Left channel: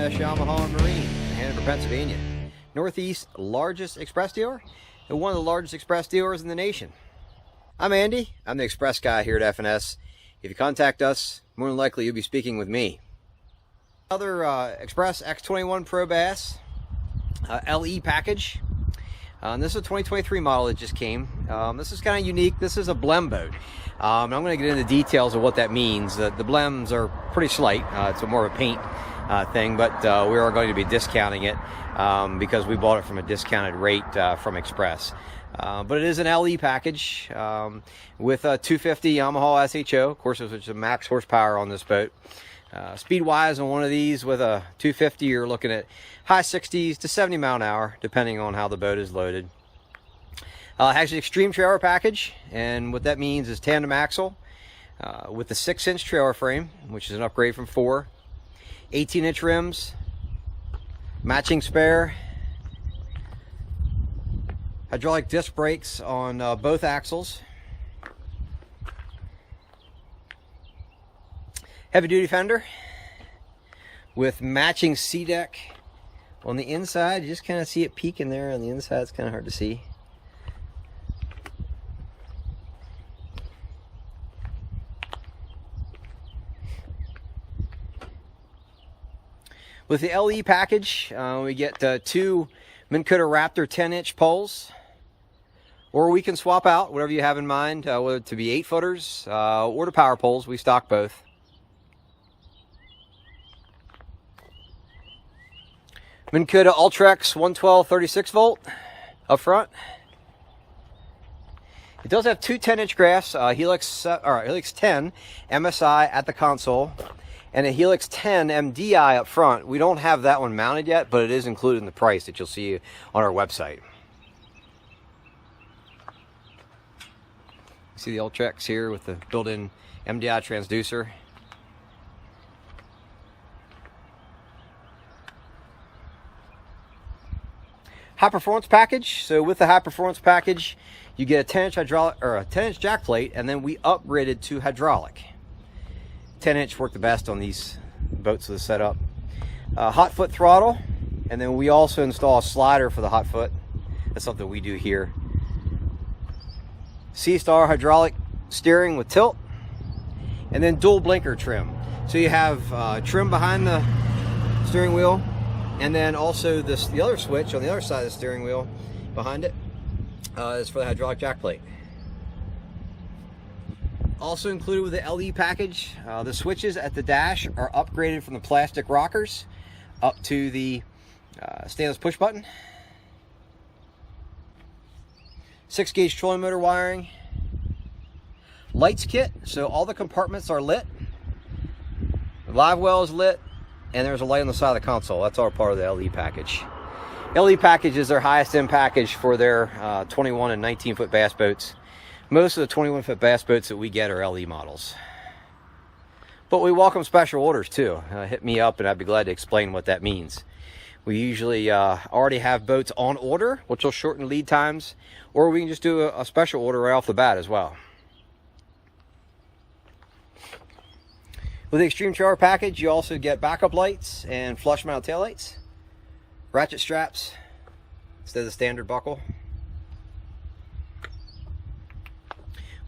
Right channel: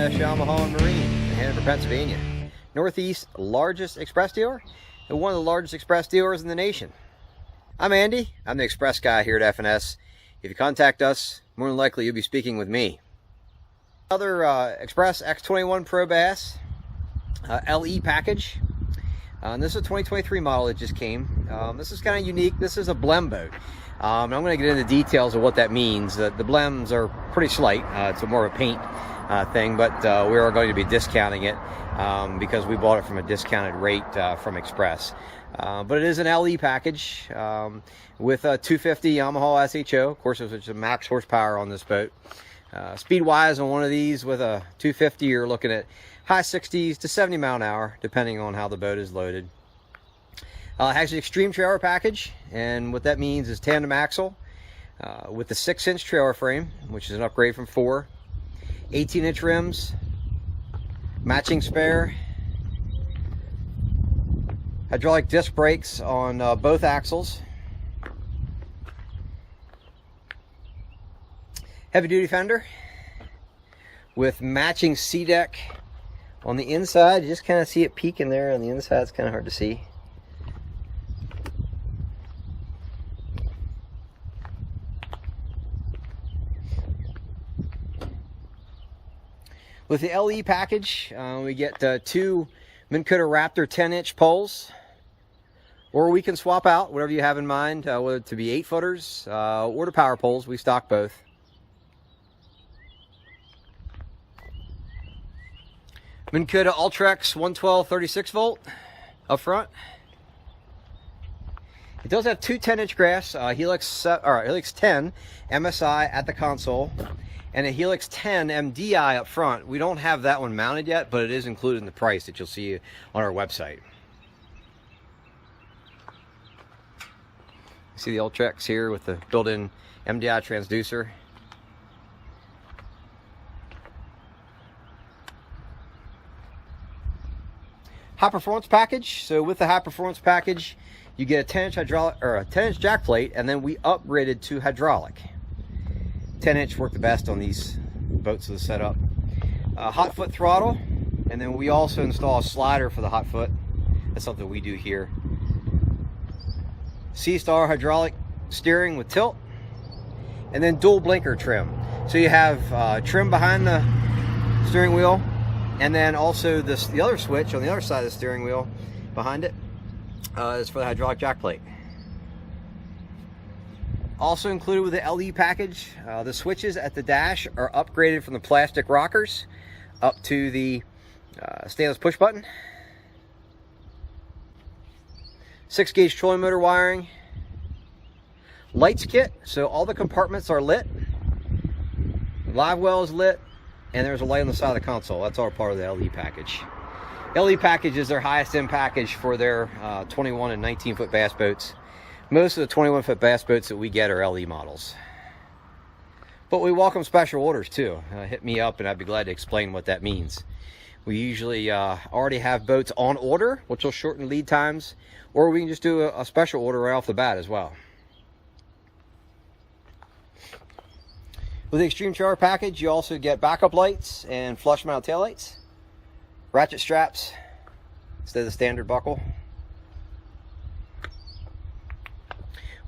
S Yamaha and Marine in Hanover, Pennsylvania. Northeast's largest express dealer and one of the largest express dealers in the nation. I'm Andy. I'm the express guy here at F&S. If you contact us, more than likely you'll be speaking with me. Another Xpress X21 Pro Bass LE package. This is a 2023 model that just came. This is kind of unique. This is a blem boat. I'm going to get into details of what that means. The blems are pretty slight. It's more of a paint thing, but we are going to be discounting it because we bought it from a discounted rate from Xpress. But it is an LE package with a 250 Yamaha SHO, of course, which is a max horsepower on this boat. Speed-wise on one of these with a 250, you're looking at high 60s to 70 mile an hour, depending on how the boat is loaded. It has an extreme trailer package, and what that means is tandem axle with the 6-inch trailer frame, which is an upgrade from 4, 18-inch rims, matching spare, hydraulic disc brakes on both axles, heavy-duty fender with matching C-deck on the inside. You just kind of see it peeking there on the inside. It's kind of hard to see. With the LE package, we get 2 Minn Kota Raptor 10-inch poles, or we can swap out whatever you have in mind, whether it to be 8-footers or the power poles. We stock both. Minn Kota Ultrex 112 36 volt up front. It does have 2 10-inch graphs, Helix 10 MSI at the console, and a Helix 10 MDI up front. We don't have that one mounted yet, but it is included in the price that you'll see on our website. See the Ultrex here with the built-in MDI transducer. High performance package. So with the high performance package, you get a 10-inch hydraulic or a 10-inch jack plate, and then we upgraded to hydraulic. 10-inch work the best on these boats with the setup. Hot foot throttle, and then we also install a slider for the hot foot. That's something we do here. C-Star hydraulic steering with tilt, and then dual blinker trim. So you have trim behind the steering wheel, and then also the other switch on the other side of the steering wheel behind it is for the hydraulic jack plate. Also included with the LE package, the switches at the dash are upgraded from the plastic rockers up to the stainless push button. 6-gauge trolling motor wiring. Lights kit, so all the compartments are lit. The live well is lit, and there's a light on the side of the console. That's all part of the LE package. LE package is their highest end package for their 21 and 19-foot bass boats. Most of the 21-foot bass boats that we get are LE models. But we welcome special orders too. Hit me up and I'd be glad to explain what that means. We usually already have boats on order, which will shorten lead times, or we can just do a special order right off the bat as well. With the Extreme Trailer package, you also get backup lights and flush mount taillights, ratchet straps instead of the standard buckle.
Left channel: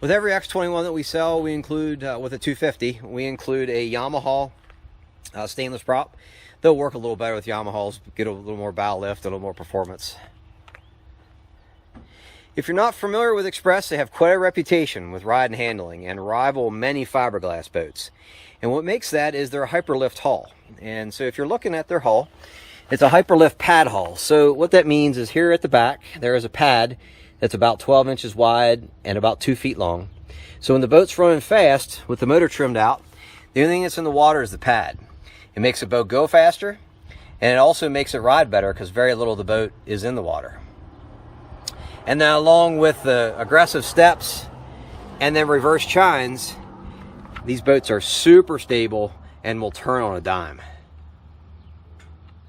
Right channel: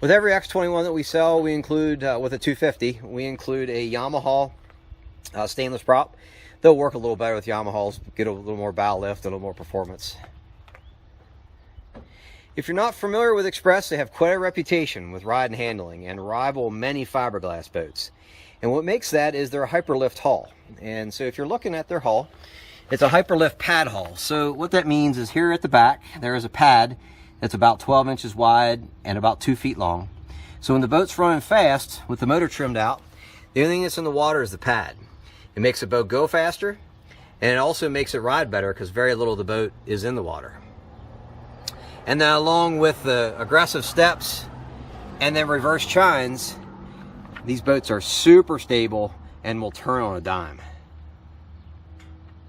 With every X21 that we sell, we include, with a 250, we include a Yamaha stainless prop. They'll work a little better with Yamahas, get a little more bow lift, a little more performance. If you're not familiar with Xpress, they have quite a reputation with ride and handling and rival many fiberglass boats. And what makes that is their Hyperlift hull. And so if you're looking at their hull, it's a Hyperlift pad hull. So what that means is here at the back, there is a pad that's about 12 inches wide and about 2 feet long. So when the boat's running fast with the motor trimmed out, the only thing that's in the water is the pad. It makes the boat go faster, and it also makes it ride better because very little of the boat is in the water. And then along with the aggressive steps and then reverse chines, these boats are super stable and will turn on a dime.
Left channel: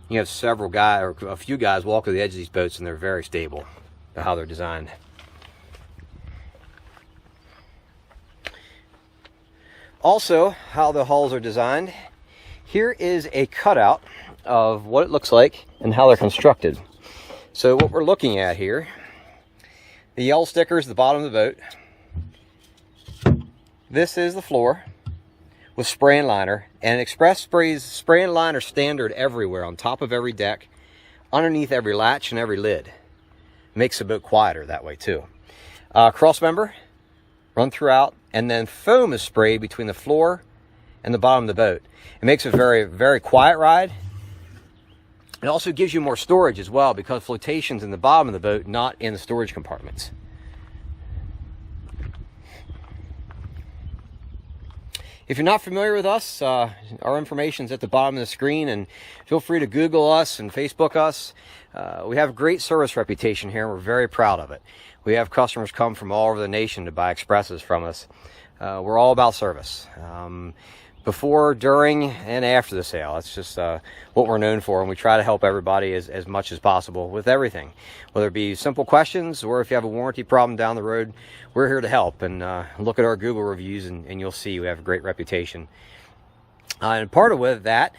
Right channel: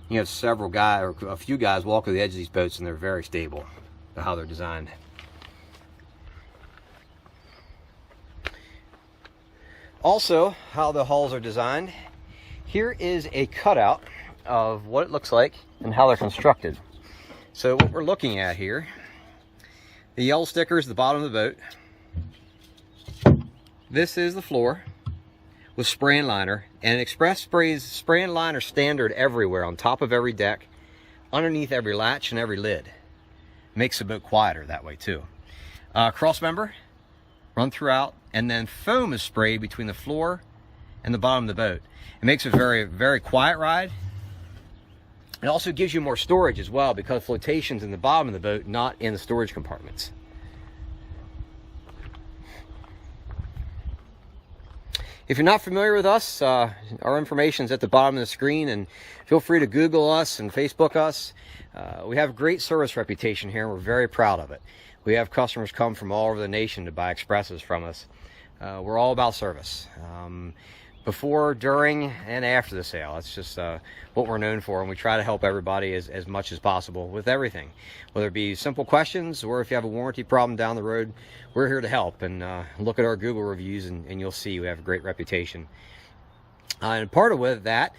You have several guys, or a few guys, walk to the edge of these boats and they're very stable. How they're designed. Also, how the hulls are designed. Here is a cutout of what it looks like and how they're constructed. So what we're looking at here, the yellow sticker is the bottom of the boat. This is the floor with spray and liner, and Xpress sprays spray and liner standard everywhere, on top of every deck, underneath every latch and every lid. Makes the boat quieter that way too. Cross member run throughout, and then foam is sprayed between the floor and the bottom of the boat. It makes it a very, very quiet ride. It also gives you more storage as well, because flotation's in the bottom of the boat, not in the storage compartments. If you're not familiar with us, our information's at the bottom of the screen, and feel free to Google us and Facebook us. We have a great service reputation here, and we're very proud of it. We have customers come from all over the nation to buy Xpresses from us. We're all about service. Before, during, and after the sale. That's just what we're known for, and we try to help everybody as much as possible with everything. Whether it be simple questions, or if you have a warranty problem down the road, we're here to help. And look at our Google reviews, and you'll see we have a great reputation. And part of with that,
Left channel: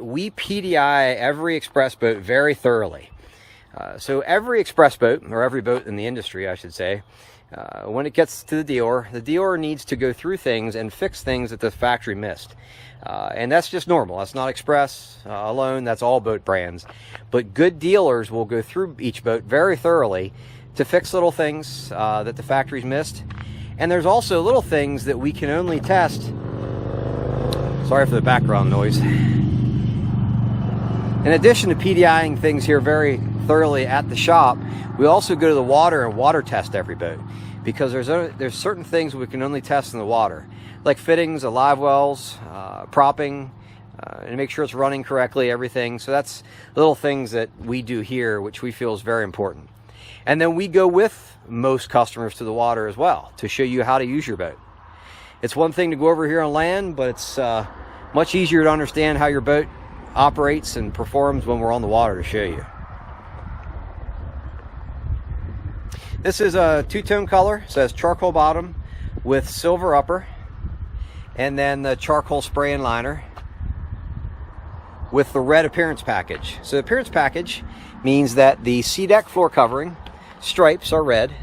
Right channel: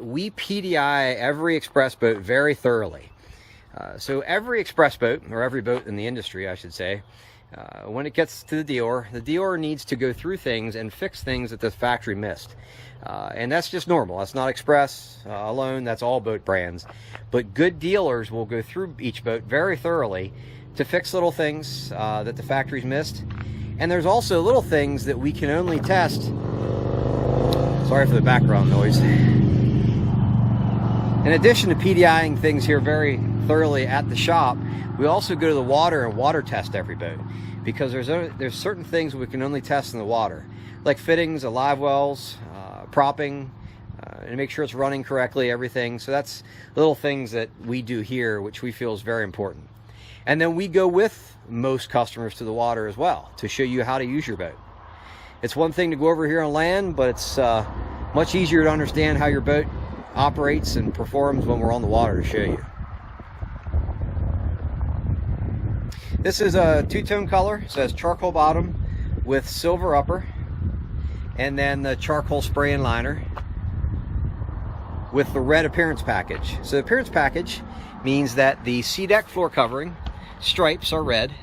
we PDI every Xpress boat very thoroughly. So every Xpress boat, or every boat in the industry, I should say, when it gets to the dealer needs to go through things and fix things that the factory missed. And that's just normal. That's not Xpress alone. That's all boat brands. But good dealers will go through each boat very thoroughly to fix little things that the factory's missed. And there's also little things that we can only test. Sorry for the background noise. In addition to PDIing things here very thoroughly at the shop, we also go to the water and water test every boat, because there's certain things we can only test in the water, like fittings, live wells, propping, and make sure it's running correctly, everything. So that's little things that we do here, which we feel is very important. And then we go with most customers to the water as well, to show you how to use your boat. It's one thing to go over here on land, but it's much easier to understand how your boat operates and performs when we're on the water to show you. This is a two-tone color. It says charcoal bottom with silver upper, and then the charcoal spray and liner with the red appearance package. So the appearance package means that the C-deck floor covering stripes are red,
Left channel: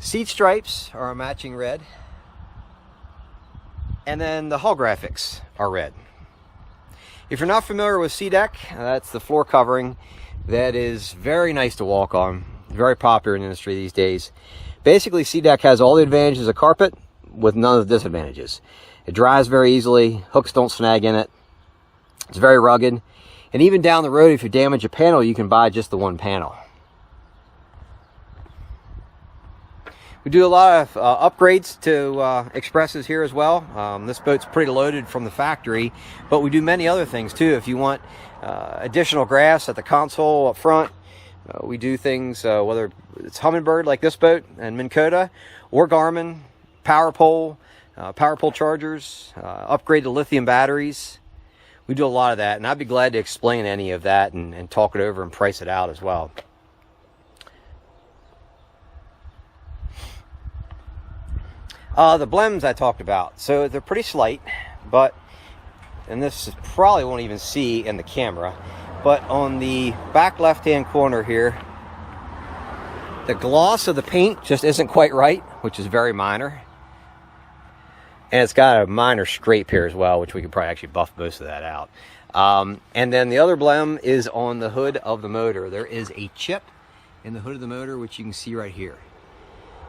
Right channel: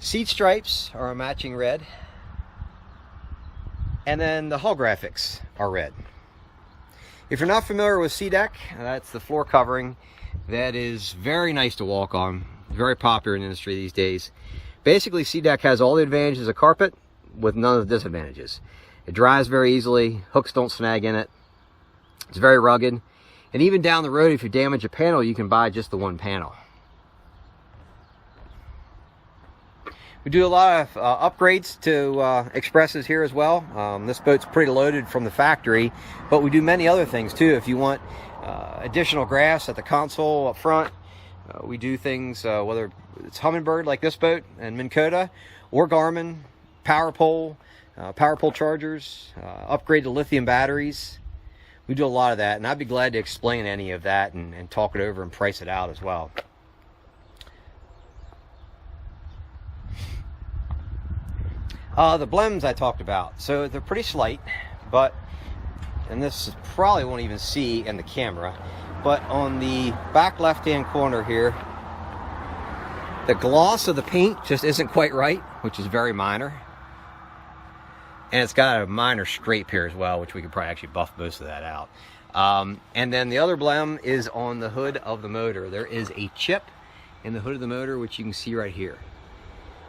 seat stripes are a matching red, and then the hull graphics are red. If you're not familiar with C-deck, that's the floor covering that is very nice to walk on. Very popular in the industry these days. Basically, C-deck has all the advantages of carpet with none of the disadvantages. It dries very easily, hooks don't snag in it, it's very rugged, and even down the road, if you damage a panel, you can buy just the one panel. We do a lot of upgrades to Xpresses here as well. This boat's pretty loaded from the factory, but we do many other things too. If you want additional graphs at the console up front, we do things, whether it's Humminbird like this boat and Minn Kota, or Garmin, power pole chargers, upgrade to lithium batteries. We do a lot of that, and I'd be glad to explain any of that and talk it over and price it out as well. The blems I talked about, so they're pretty slight, but, and this probably won't even see in the camera, but on the back left-hand corner here, the gloss of the paint just isn't quite right, which is very minor. And it's got a minor scrape here as well, which we could probably actually buff most of that out. And then the other blem is on the hood of the motor. There is a chip in the hood of the motor, which you can see right here.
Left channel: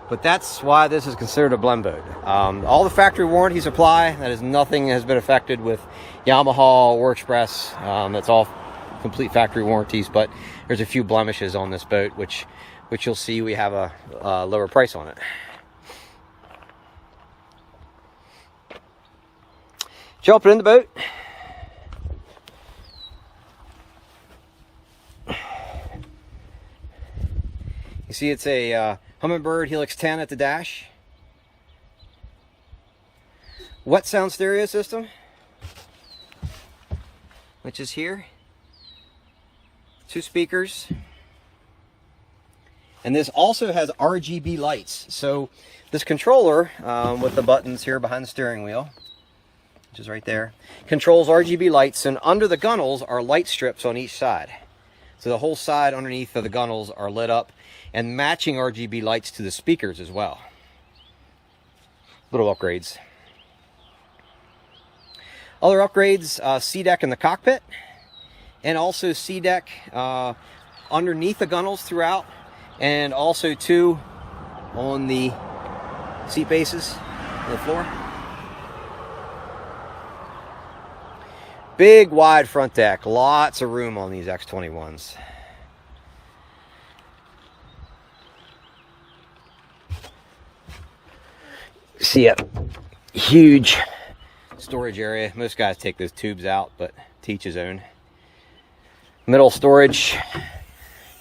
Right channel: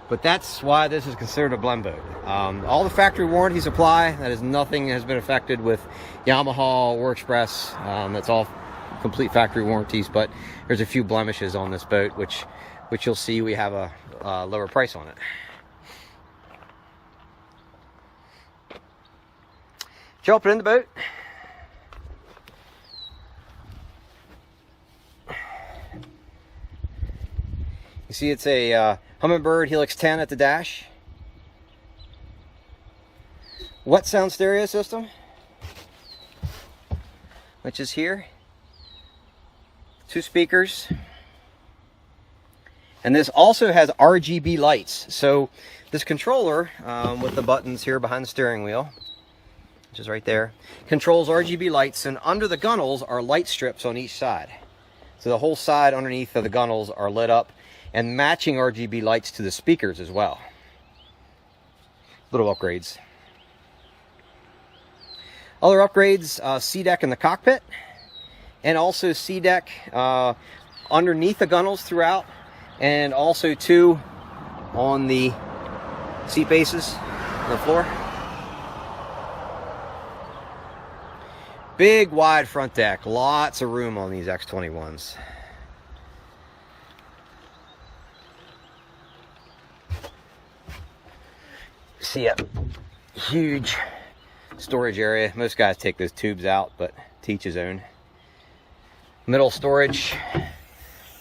But that's why this is considered a blem boat. All the factory warranties apply. That is, nothing has been affected with Yamaha or Xpress. That's all complete factory warranties, but there's a few blemishes on this boat, which you'll see we have a lower price on it. Jump it in the boat. You see it's a Humminbird Helix 10 at the dash. Wet sound stereo system, which is here. 2 speakers. And this also has RGB lights. So this controller with the buttons here behind the steering wheel, which is right there, controls RGB lights, and under the gunnels are light strips on each side. So the whole side underneath of the gunnels are lit up, and matching RGB lights to the speakers as well. Little upgrades. Other upgrades, C-deck in the cockpit, and also C-deck underneath the gunnels throughout, and also two on the seat bases on the floor. Big wide front deck, lots of room on these X21s. See a huge storage area. Most guys take those tubes out, but to each his own. Middle storage,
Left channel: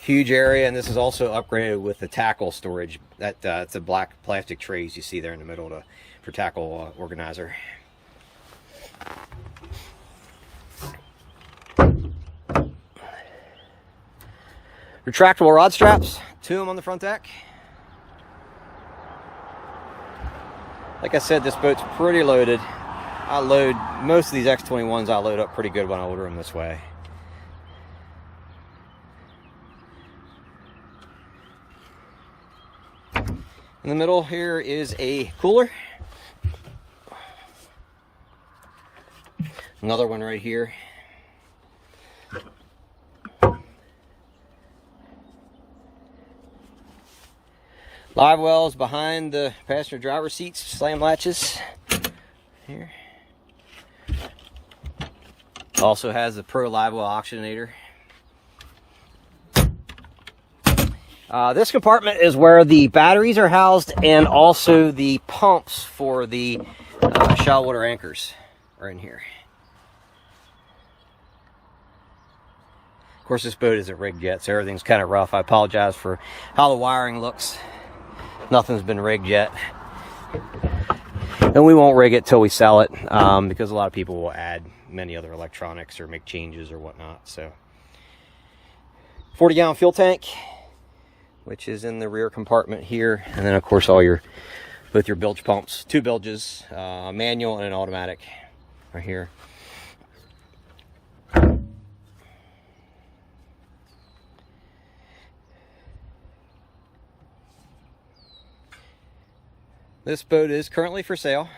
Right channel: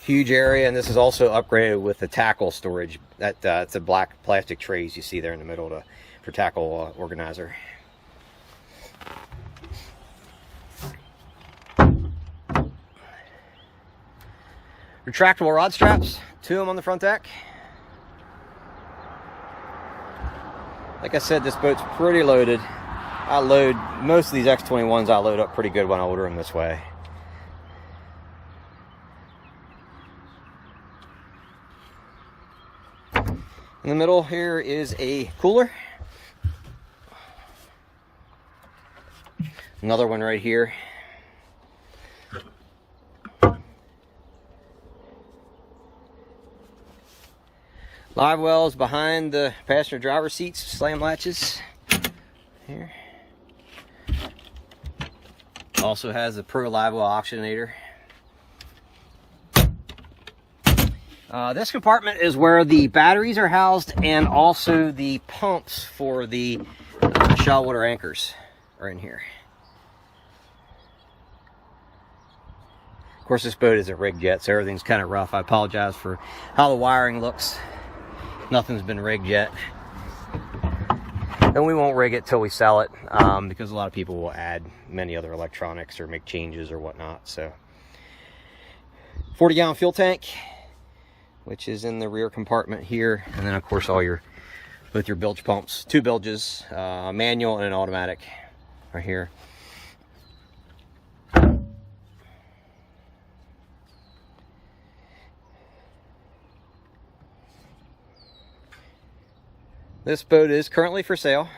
huge area, and this is also upgraded with the tackle storage. It's a black plastic trays you see there in the middle for tackle organizer. Retractable rod straps, two of them on the front deck. Like I said, this boat's pretty loaded. I load most of these X21s. I load up pretty good when I order them this way. In the middle here is a cooler. Another one right here. Live wells behind the passenger driver seats, slam latches here. Also has the Pro live well oxygenator. This compartment is where the batteries are housed, and also the pumps for the shallow water anchors are in here. Of course, this boat isn't rigged yet, so everything's kind of rough. I apologize for how the wiring looks. Nothing's been rigged yet, and we won't rig it till we sell it, because a lot of people will add many other electronics or make changes or whatnot. So 40-gallon fuel tank, which is in the rear compartment here, and then of course both your bilge pumps, two bilges, a manual and an automatic right here. This boat is currently for sale.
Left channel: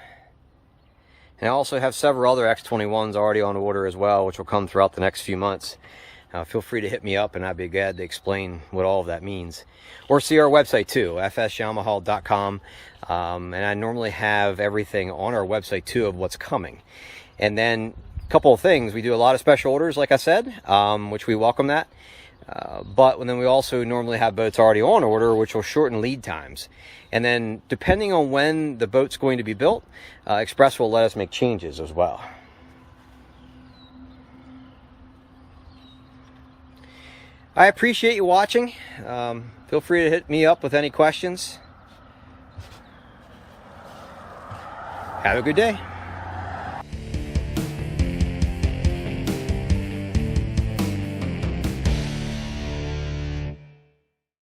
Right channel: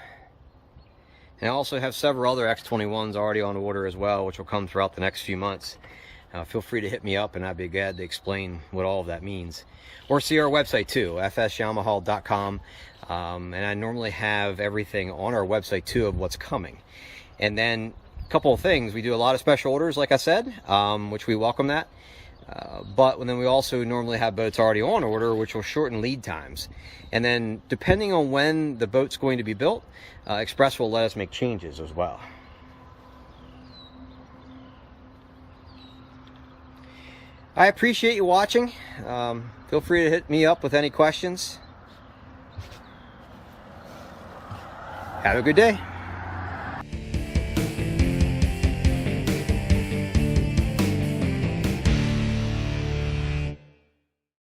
And I also have several other X21s already on order as well, which will come throughout the next few months. Feel free to hit me up, and I'd be glad to explain what all of that means. Or see our website too, S-Yamaha.com. And I normally have everything on our website too of what's coming. And then a couple of things. We do a lot of special orders, like I said, which we welcome that. But then we also normally have boats already on order, which will shorten lead times. And then depending on when the boat's going to be built, Xpress will let us make changes as well. I appreciate you watching. Feel free to hit me up with any questions. Have a good day.